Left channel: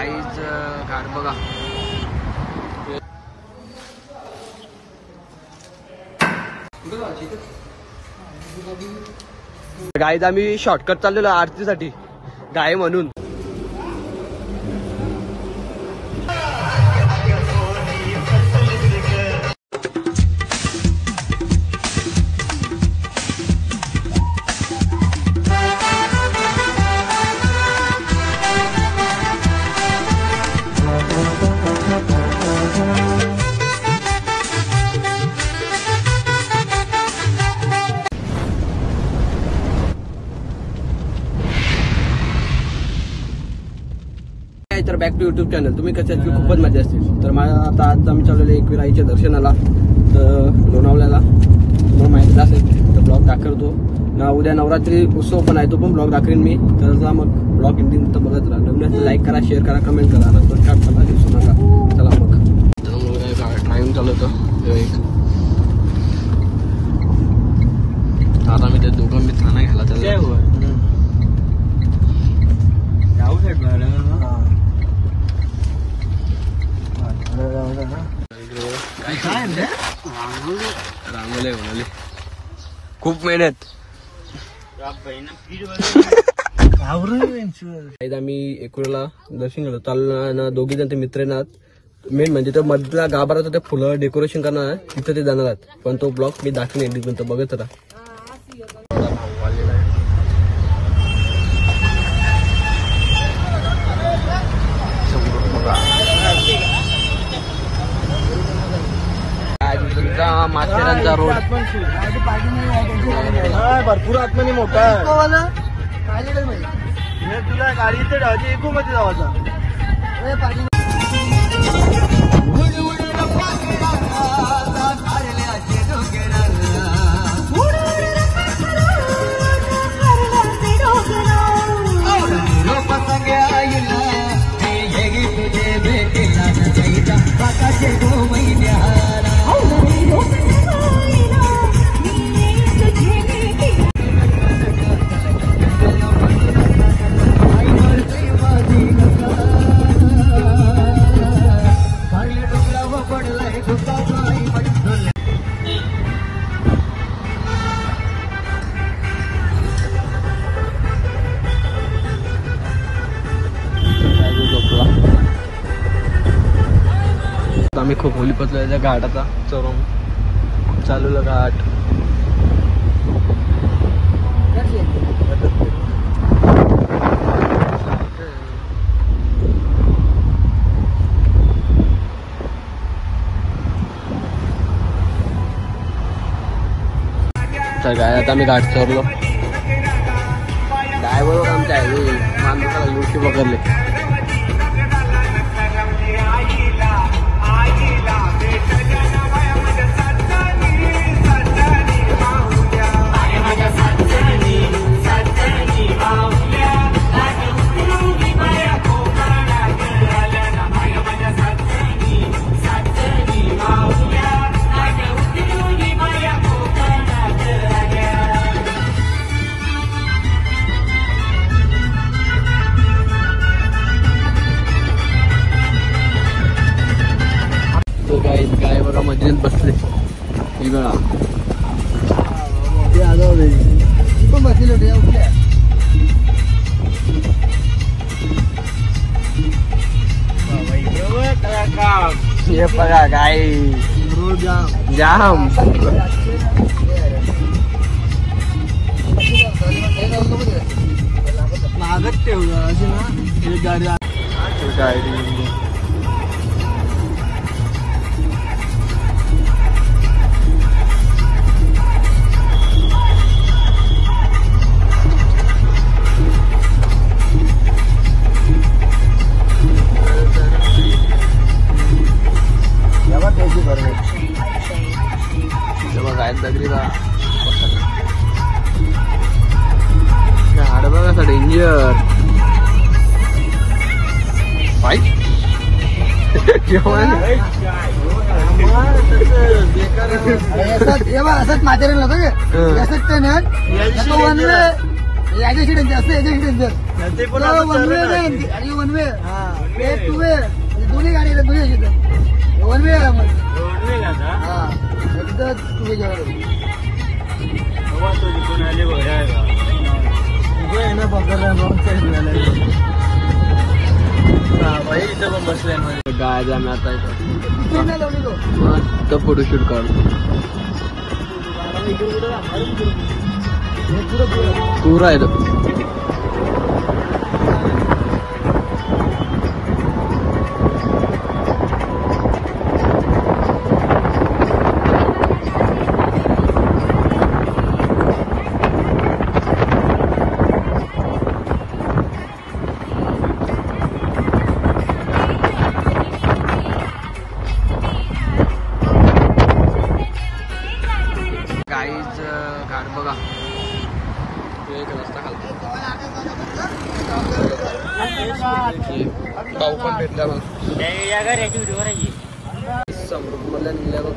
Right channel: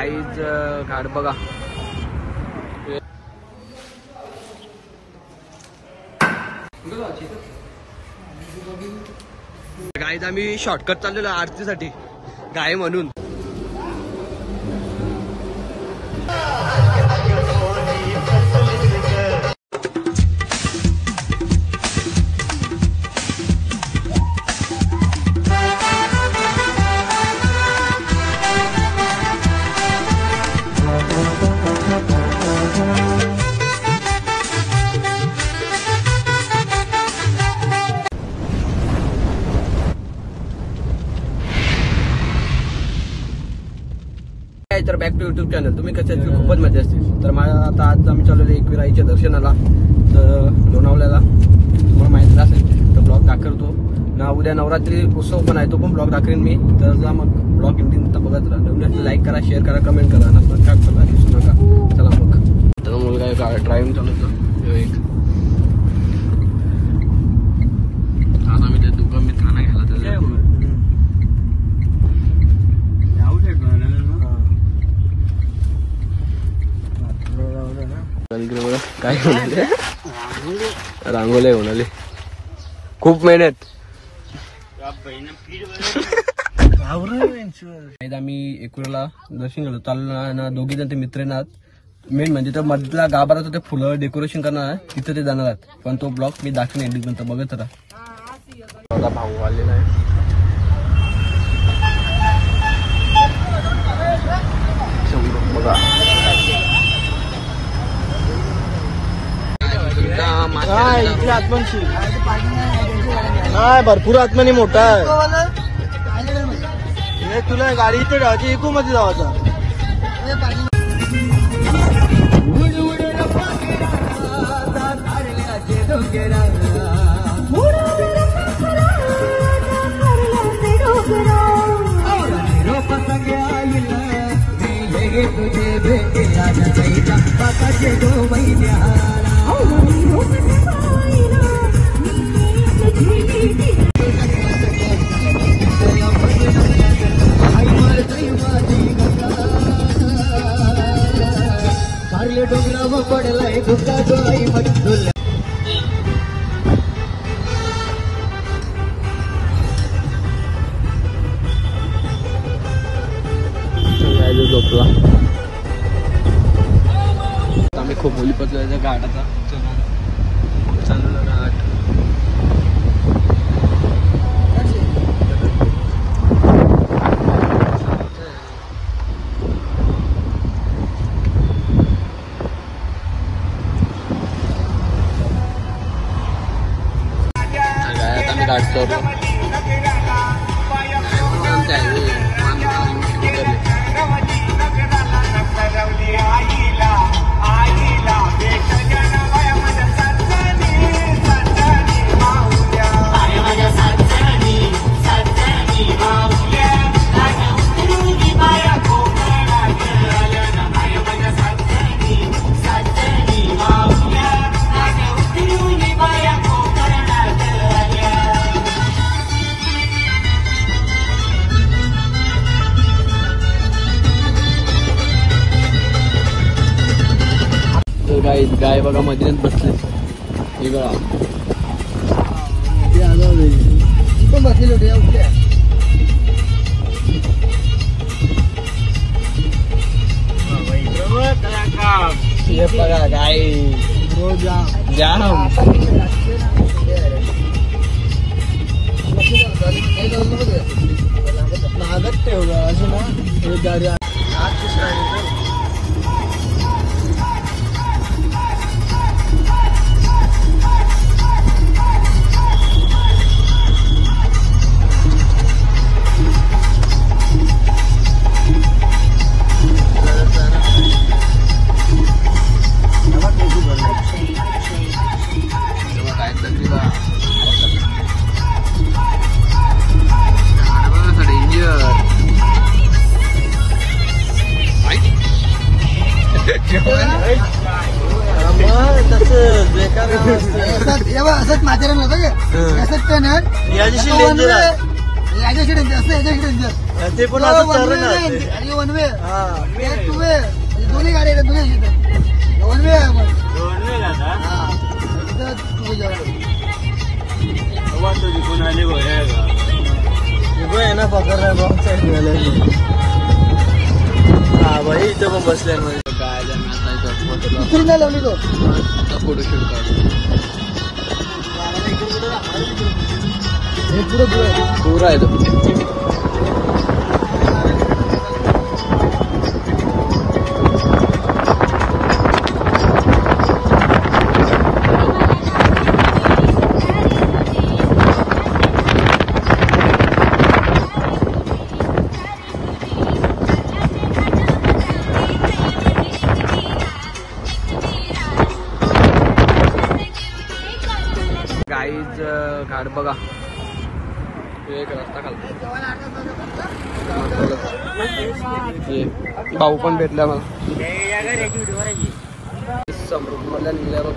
गाईच घाट बघा. गाईज आम्ही शॉर्टकट चाललेलो आरतीसाठी गाय म्हणून. तर बॅक टू युट्यूब चॅनल. तुम्ही कशात खूपच मजा असते. तर मला आता आज आम्ही चाललेलो एकविराईच्या दर्शनाला तर लोणावळ्याला. तुम्हाला माहिती असेल तर ब्लॉग दाखवतो ना. उद्या नवरात्री उत्सव पण आहे तो पण ब्लॉग दाखवेन मी. तर मग ब्लॉग इंटिंग तर बघत राहा. नवीन लाईक करा, शेअर करा, कमेंट करा. सबस्क्राईब करा, दिसू नका. चला मग. तर मुलगा ड्रायव्हिंग चालवतो. आता मी ते दोघं मी ठाणा घ्यायला त्याला रांगोले होणाले खूप मेहनत. आम्ही एकूणला दर्शन घेतो चाललो. दोघी जण ते मित्र येणार. मेन म्हणजे तो मधला गाभाराचं ते फुलं डेकोरेशन करणार आहे तिथं ते जाणार आहेत. पण तो ब्लॉग मी दाखवून एंडिंग पर्यंत बघत राहा. भाऊ आलेला आहे. बघा माथेरानचा रोड भरपूर आत्माने मोठा आहे. तुला गाडी इथे राहायची एकू मध्ये जायचं. आम्ही खूप मोठी बसलेल्या घाटाचा चोरून चालू घाट. आता मी घाट केलो काय बरोबर आमच्या हायवे मानपुराला येऊशी बघायला. गाय बघा मधीत बसले. हे बघा ते आलो पण बसले होते उठल्या. हे बघा गाय जाम मागत ठेवलं अशी ना एक गाडी. डेंजर असंच माथेरानला बघ असंच का ना वन वे याच्याशी डेंजर असं याच्याशी डेंजर वन वे एक टू वे दोन्ही गाडी आहेत दोन्ही वन वे आहे मग हा टू वे आहे ना पकड रॉंग साईड भाई इथे मग बसले आम्ही आता इथं लावली तो फोटोशूट काढतो हे पुढं आहे गाईज घाट बघा एक रस्ता खालतो भाऊ पण भेटला मला समृद्ध मधल्या निघल्या बघ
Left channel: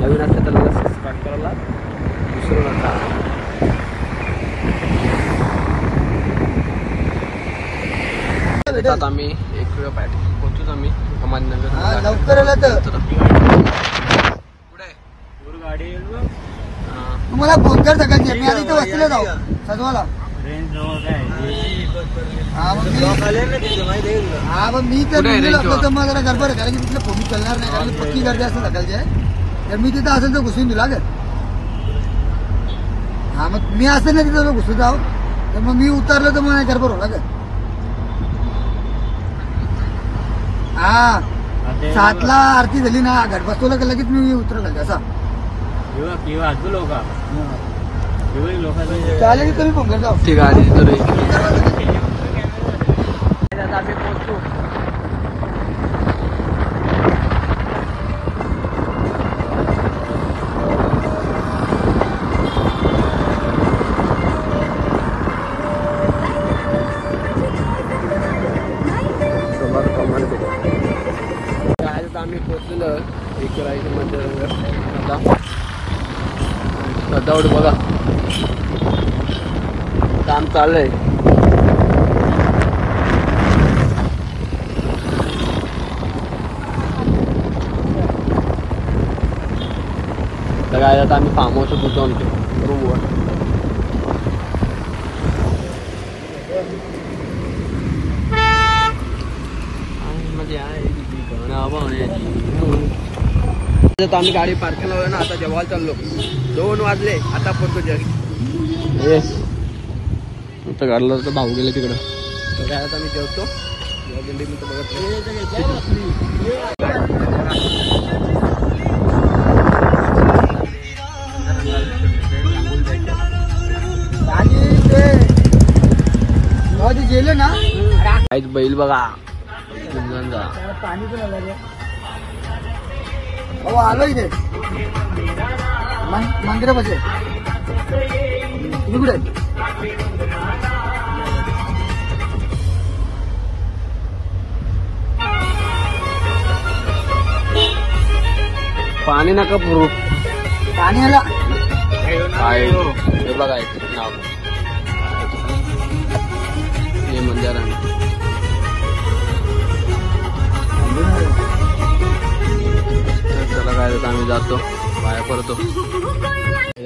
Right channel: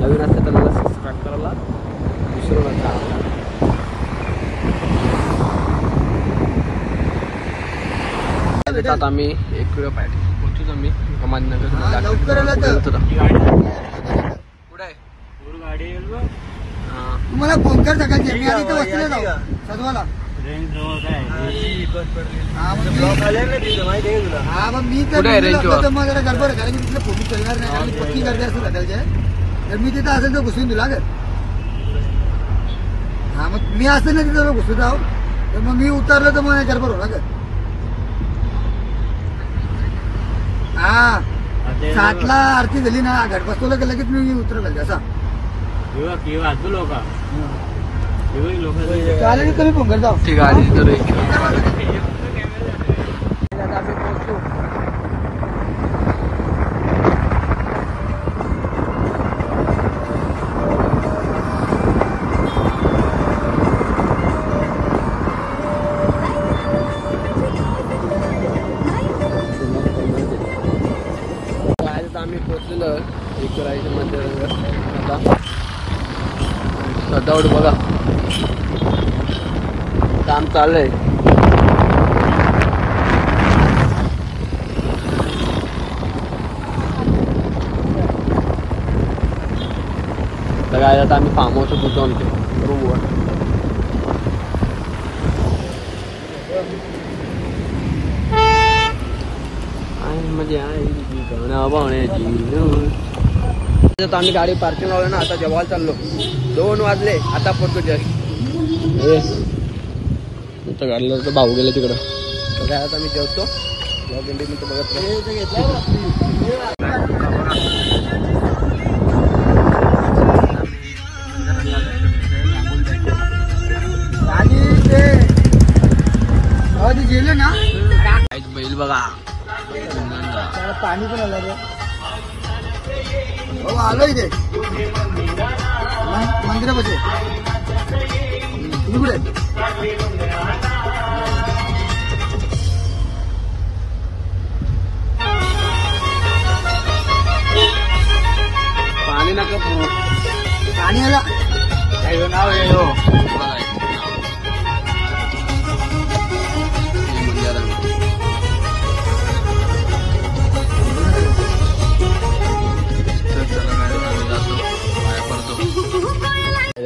नवीन असतं त्याला सबस्क्राईब करायला विसरू नका. आता आम्ही एक वेळ पाहिजे पोहोचूच आम्ही तुम्हाला फोन कर सकाळची मी आधी तर वस्तीला जाऊ सजवाला मग मी जरा गडबड कारण की तिथलं फोन चालणार नाही कारण पक्की गर्दी असते सकाळची तर मी तिथं असेल तर घुसून दिला ग हा मग मी असेल ना तिथं घुसून जाऊ तर मग मी उतरलो तर मग गडबड होणार ग हा 7ला आरती झाली ना घट बसवलं की लगेच मी उतर घालते असा चालेल तुम्ही फोन जाऊ ती गाडी आम्ही पोहोचलेलो एकरायचं मंदिर आता सजावट बघा काम चाललंय बघा आता आम्ही फार्म हाऊस तिथं आमचं रूमवर आम्ही गाडी पार्किंग लावलं ना आता जेवायला चाललो 2 वाजले आता पोहोचतो जस्ट घरला तर भाऊ गेले तिकडं तर काय आता आम्ही जेवतो मी तर बघत गेले ना बैल बघा पाणी पण बाबा आलो इथे मंदिरापाशी कुठे पाणी नका पुरू पाणी आला बघा नाव हे मंदिरानं चला काय आम्ही जातो पाया पडतो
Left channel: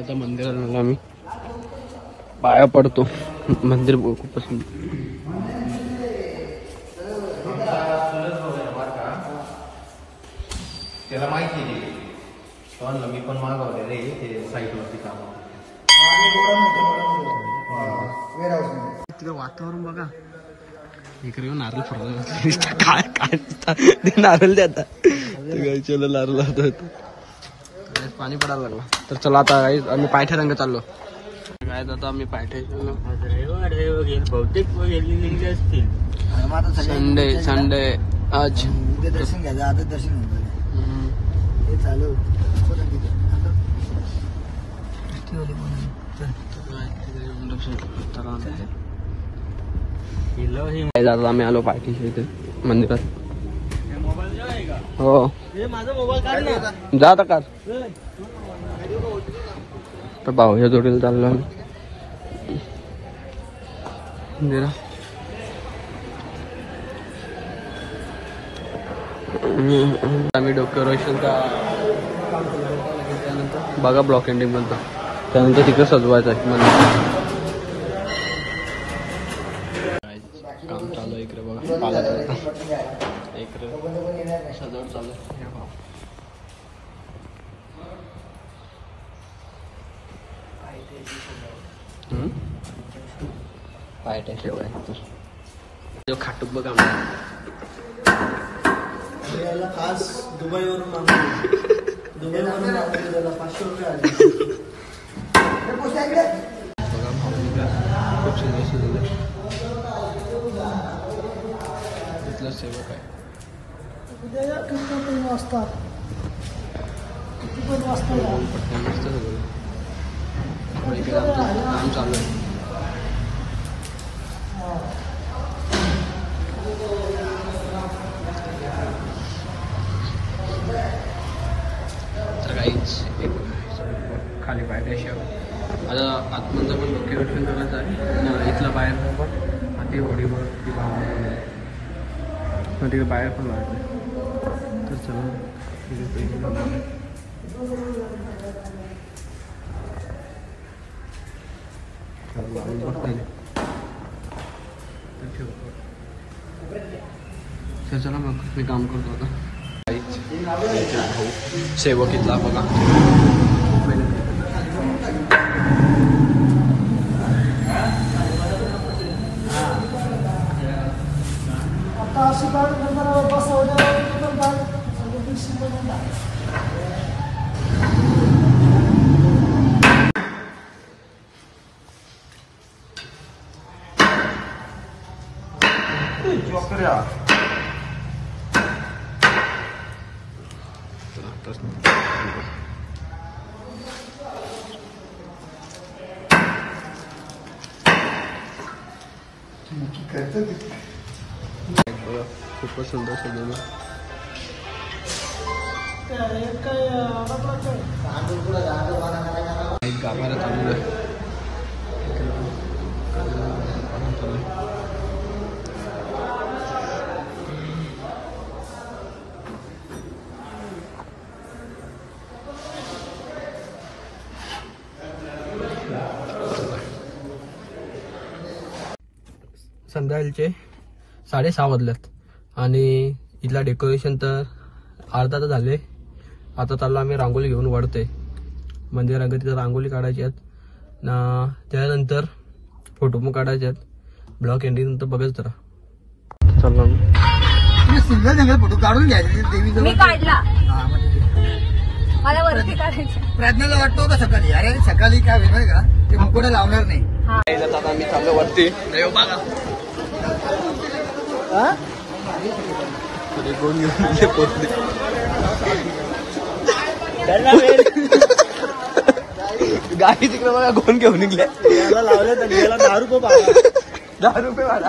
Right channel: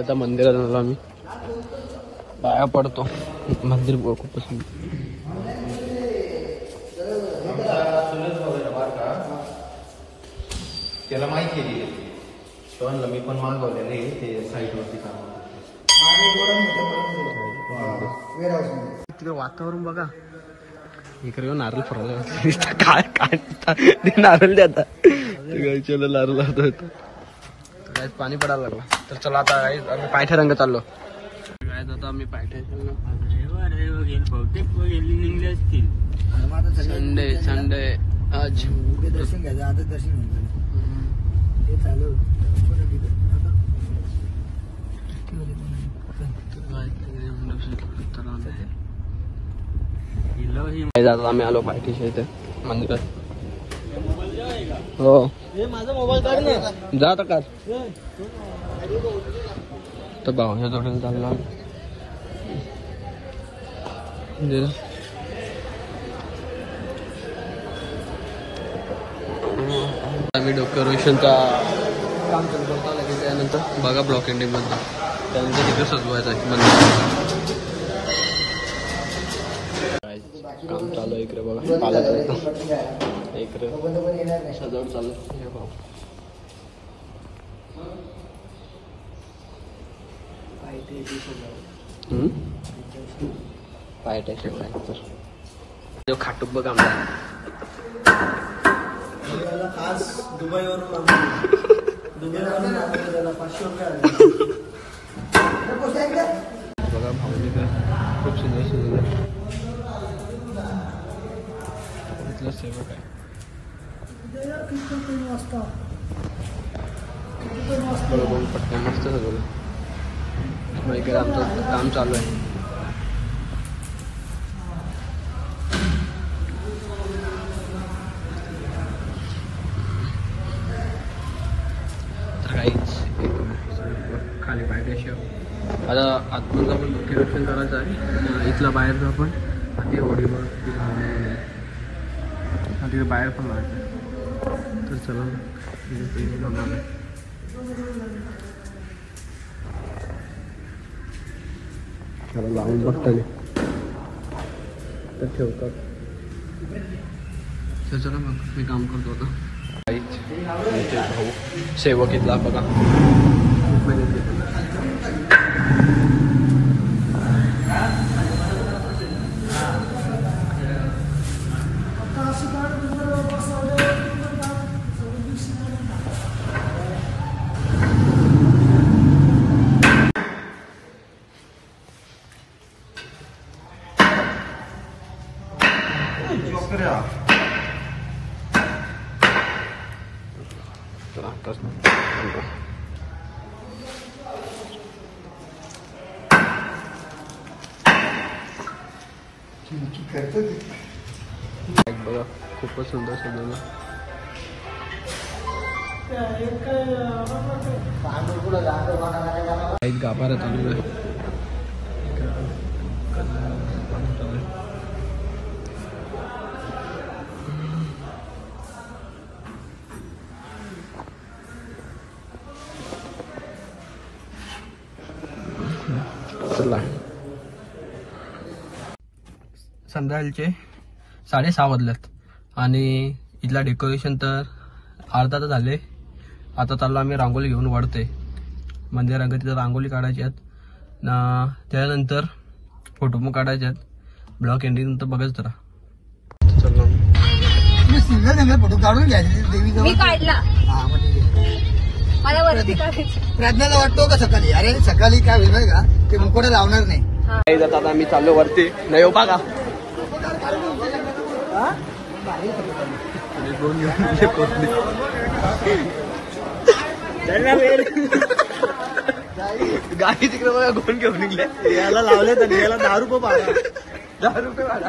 आता मंदिरात आलो आम्ही पाया पडतो. मंदिर खूपच सुंदर. त्याला माहिती आहे तो मी पण मागवलेलं आहे ते साईटवरती काम. तिथे वातावरण बघा. इकडे नारळ फरवलं काय काय ते नारळ द्या नारळ पाणी पडायला लागला. तर चला आता आम्ही पायथ्या रंग चाललो. काय आता आम्ही पायथ्या बहुतेक असतील. संडे आज उद्या दर्शन घ्यायचं. आता दर्शन होऊन ते चालू आम्ही आलो पायथ्याच्या इथे मंदिरात. हो माझा मोबाईल काढ ना. जा आता काढ. तर भाऊच्या जोडीला चाललो मंदिरात. आम्ही डेकोरेशनचा काम चालू करतो. लगेच त्यानंतर बघा ब्लॉक एंडिंग मधलं. त्यानंतर तिथं सजवायचं आहे मंदिर. चालू इकडे बघा इकडे सगळं चालू. खाटूक बघ आमचा खास दुबईवरून दुबईवरून 500 रुपये आले. बघा भाऊनी खूप सुंदर सुंदर आहे. इथलं सेवक आहे. पटकन मस्त सगळं. इकडे आमचं काम चालू आहे. तर काहीच खाली पायथ्याशी आता आतमधलं पण डेकोरेशन करायचं आहे. इथला बाहेरचा पण ते ओढीवर ती भावना तिकडे बाहेर पण लावायचं. तर चला लावून बघता तर ठेवतात. तर चला मग मी काम करतो आता. भाऊ सेवक इथला बघा. बघा खूपच सुंदर सजवलं. एक गाभारा चालू आहे. संध्याकाळचे 6:30 वाजल्यात आणि इथला डेकोरेशन तर अर्धा तर झाले. आता चाललो आम्ही रांगोळी घेऊन वळते मंदिरात. तिथं रांगोळी काढायची आहेत ना. त्यानंतर फोटो पण काढायचे आहेत. ब्लॉक एंडिंग नंतर बघायच जरा. चाललो सिंगल सिंगल फोटो काढून घ्यायचे. देवी काढला मला वरती काढायचं. प्रज्ञाला वाटतो का सकाळी अरे सकाळी काय होईल का ते मुकोडं लावणार नाही. मी चालू करते नाही हो बघा. गोन घेऊन पोचले. गाडी तिकडे बघा गोन घेऊन निघले. 10 रुपये भाडा. 10 रुपये भाडा.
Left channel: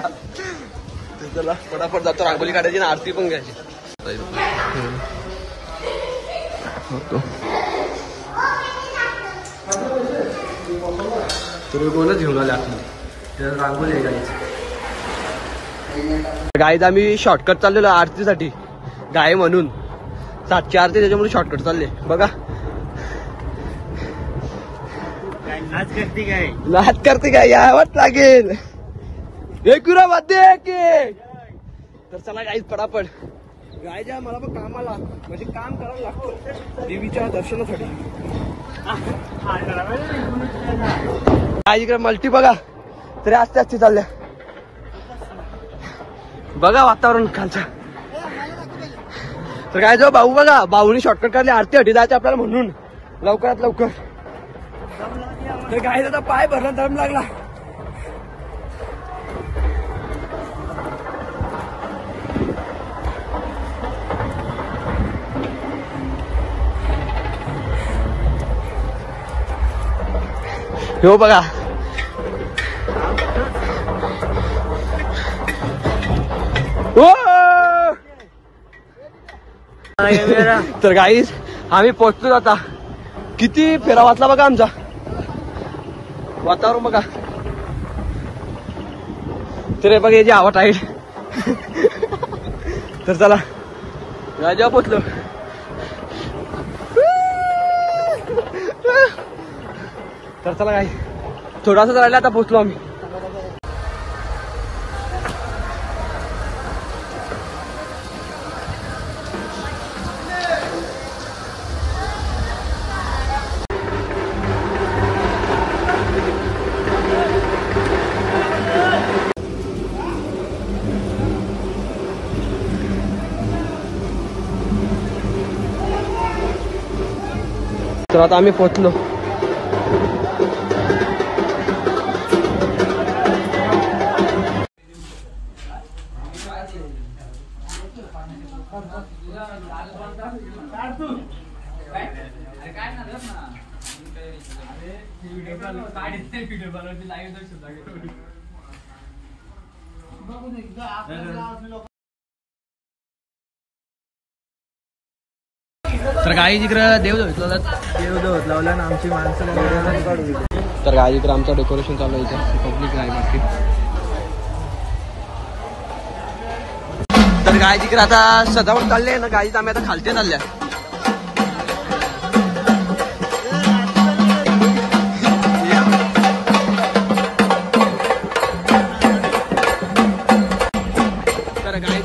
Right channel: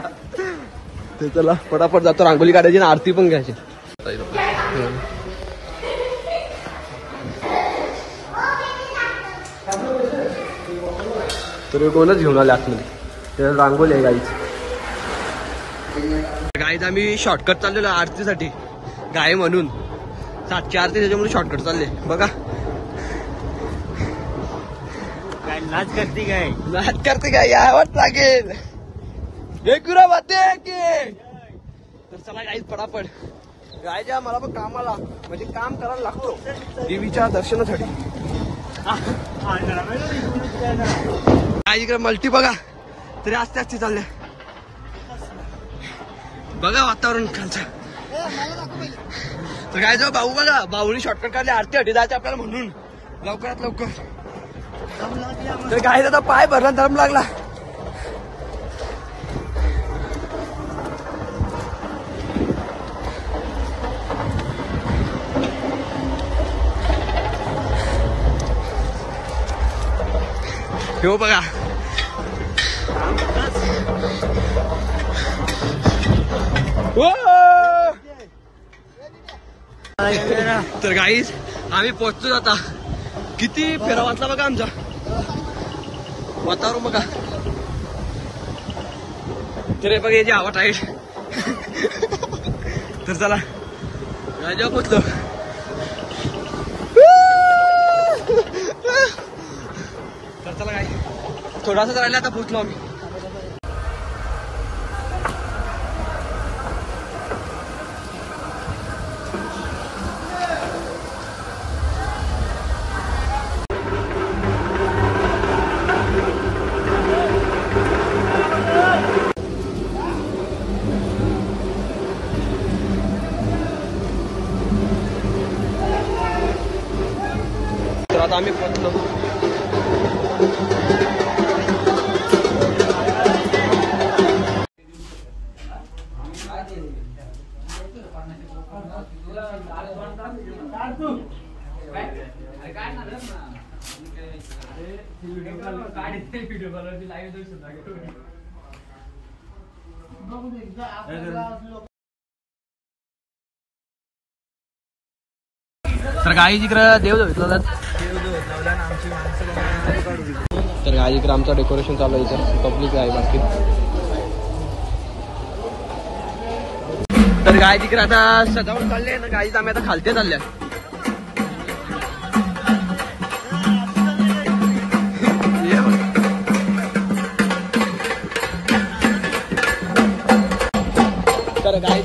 चला फटाफट जातो. रांगोळी काढायची आणि आरती पण घ्यायची. तर कोणच घेऊन आले आतमध्ये. त्याला रांगोळी आहे गाईच. गाईच आम्ही शॉर्टकट चाललेलो आरतीसाठी. गाय म्हणून 7ची आरती त्याच्यामुळे शॉर्टकट चालले बघा. लाज करते काय यावंच लागेल. एकविरा वाद्य की तर चला गाईज पडापड गायच्या मला पण कामाला म्हणजे काम करायला लागतो देवीच्या दर्शनासाठी. इकडे मल्टी बघा तरी आस्ते आस्ते चालल्या. बघा वातावरण खालचं. तर काय जो भाऊ बघा भाऊनी शॉर्टकट काढले आरती हटी जायचे आपल्याला म्हणून लवकरात लवकर. तर गायचा आता पाय भरला दम लागला. हो बघा तर गाईज आम्ही पोहोचतो आता. किती फेरा वाचला बघा आमचा. वातावरण बघा तरी बघा याची आवड आहे. तर चला राजा पोचलो. तर चला काय थोडासा राहिला आता पोचलो आम्ही. तर आता आम्ही पोचलो. तर गाई इकडं देव धुतला ना आमची माणसं. तर गाई इकडं आमचं डेकोरेशन चालू आहे इथं पब्लिक आहे बाकी. तर गाई इकडे आता सजावट चालली आहे ना गाईत आम्ही आता खालते चालल्या. तर गाई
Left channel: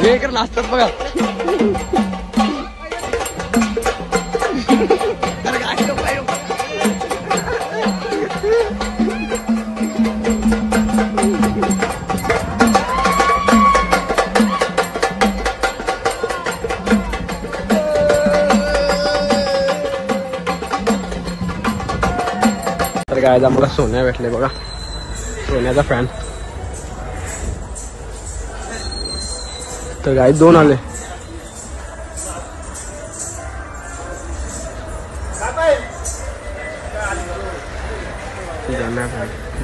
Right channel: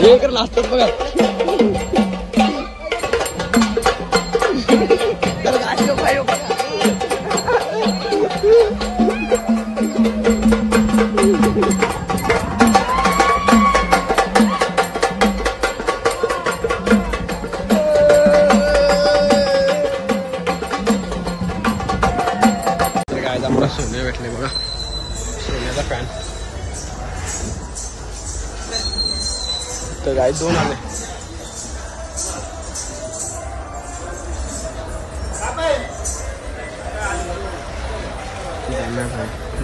हे इकडे नाचतात बघा. तर काय आम्हाला सोन्या भेटले बघा. सोन्याचा फॅन गाई 2 आले.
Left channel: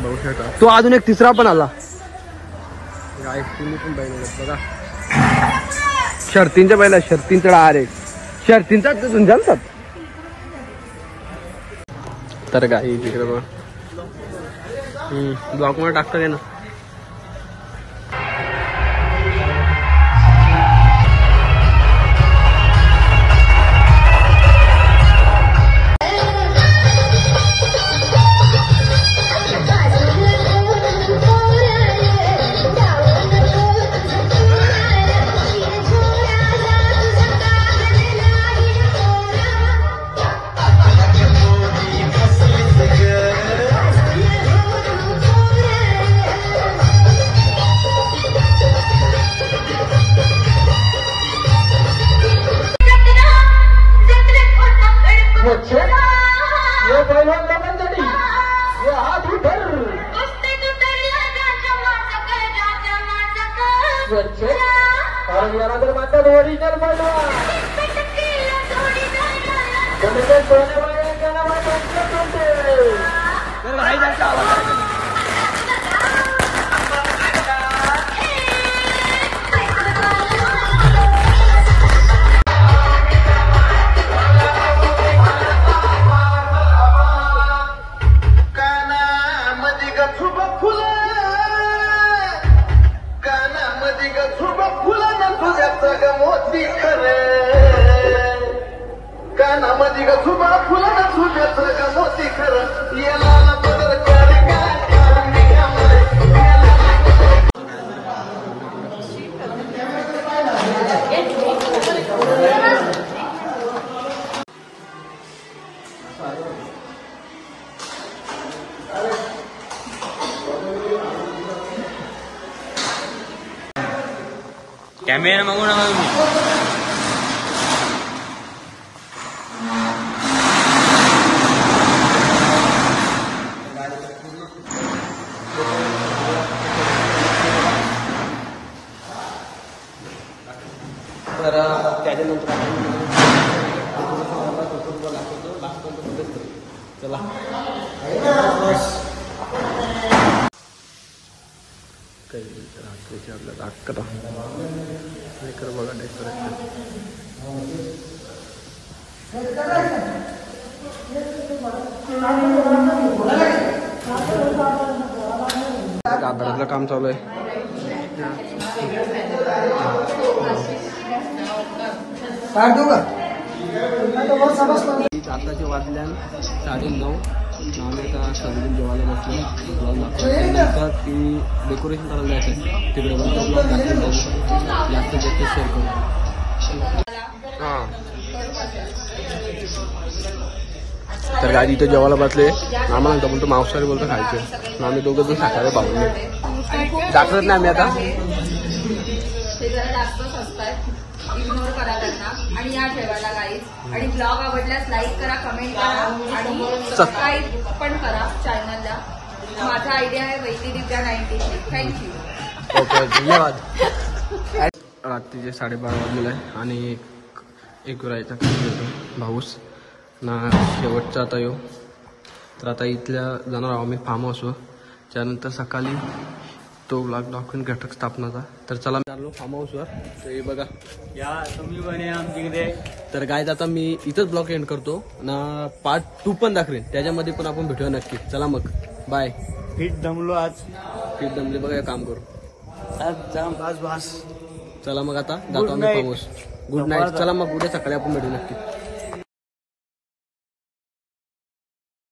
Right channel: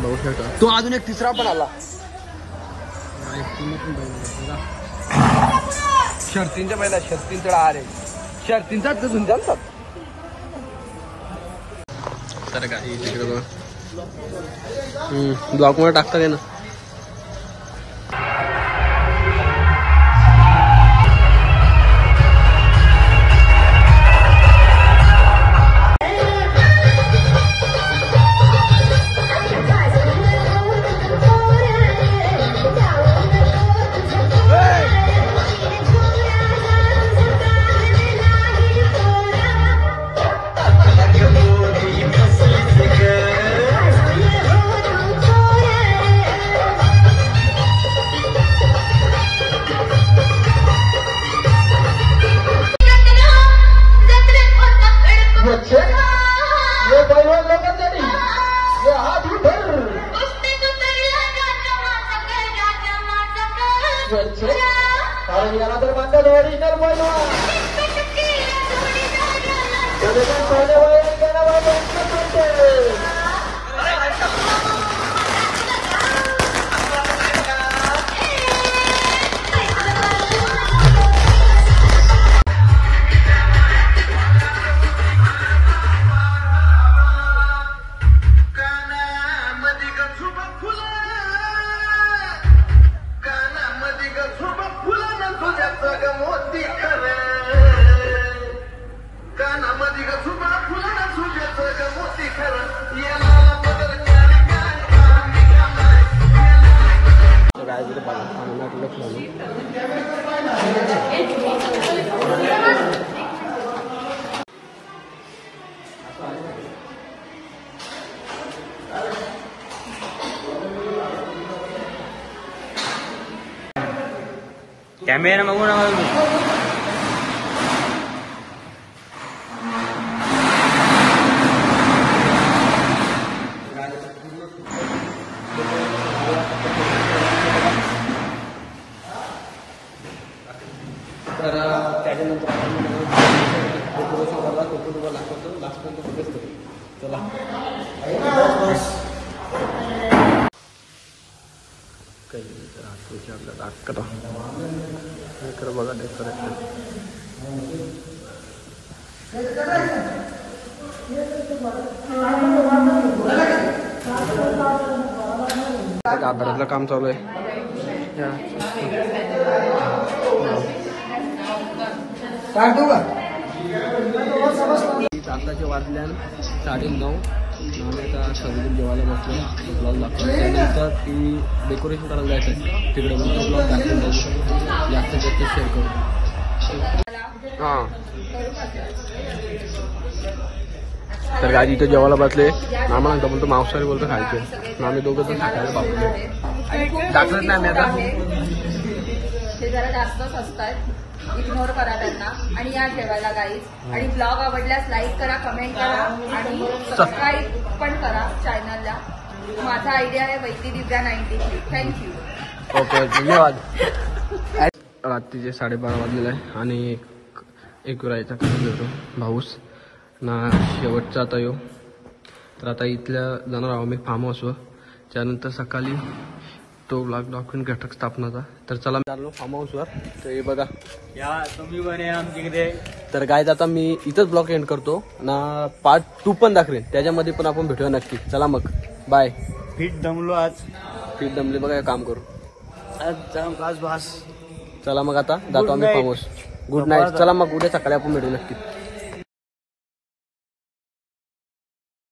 बघू शकता तो अजून एक तिसरा पण आला. गाई तुम्ही पण बैल बघा. शर्तींच्या बैला शर्तींचा डार आहे. शर्तींचा झुंजालतात. तर गाई तिकडे बघा ब्लॉक मध्ये टाकतात आहे ना. कारण याला तर म्हणतात ओरिजिनल पहिला. कानामध्ये ग झुबक फुला ना तुझ्या मोती खरे कॅमेरा मागू नका तुम्ही. तर त्याच्यानंतर लास्ट बघत करू. चला काही रात्रीची आपल्याला 11 बघा डेकोरेशन. गाभाऱ्यातलं काम चालू आहे. आताचे वाजल्या 9:30. आम्ही आता सगळी जेवायला बसलो. ब्लॉग दाखवल्यानंतर ती डेकोरेशन करायला जायचं आहे तिकडे. तो ब्लॉग दाखवून बघू, जास्त शेअर करू. हां तर गाडी इथे जेवायला बसले. आम्हाला नंतर बोलतो मांसाहारी बोलतो खायचे. आम्ही दोघं पण शाकाहारी पावले. दाखवत नाही आम्ही आता. ते जरा जास्तच असतात, इग्नोर करा त्यांना आणि या ठेवायला गाईज. आणि ब्लॉग आवडल्यास लाईक करा, कमेंट करा आणि सबस्क्राईब पण करा चॅनलला. माझा आयडिया आहे वैती दिव्या 93. थँक्यू. ओके धन्यवाद. रात्रीचे 12:30 वाजलेले आहे आणि एक विरायचा खाली होतो भाऊस ना शेवटचा आता येऊ. तर आता इथल्या जाणार आहोत मी फार्म हाऊसवर. त्यानंतर सकाळी तो ब्लॉग दाखवून घटक स्थापनाचा. तर चला चाललो फार्म हाऊसवर. तर हे बघा या तुम्ही पण या आमच्याकडे. तर गाईज आता मी इथंच ब्लॉग एंड करतो ना. पार्ट 2 पण दाखवेन, त्याच्यामध्ये पण आपण भेटूया नक्की. चला मग बाय. फिट दमलो आज. फिट दमले बघा, काम करू. आज बास. चला मग आता जातो आम्ही फार्म हाऊस. Good night. चला मग उद्या सकाळी आपण भेटू नक्की.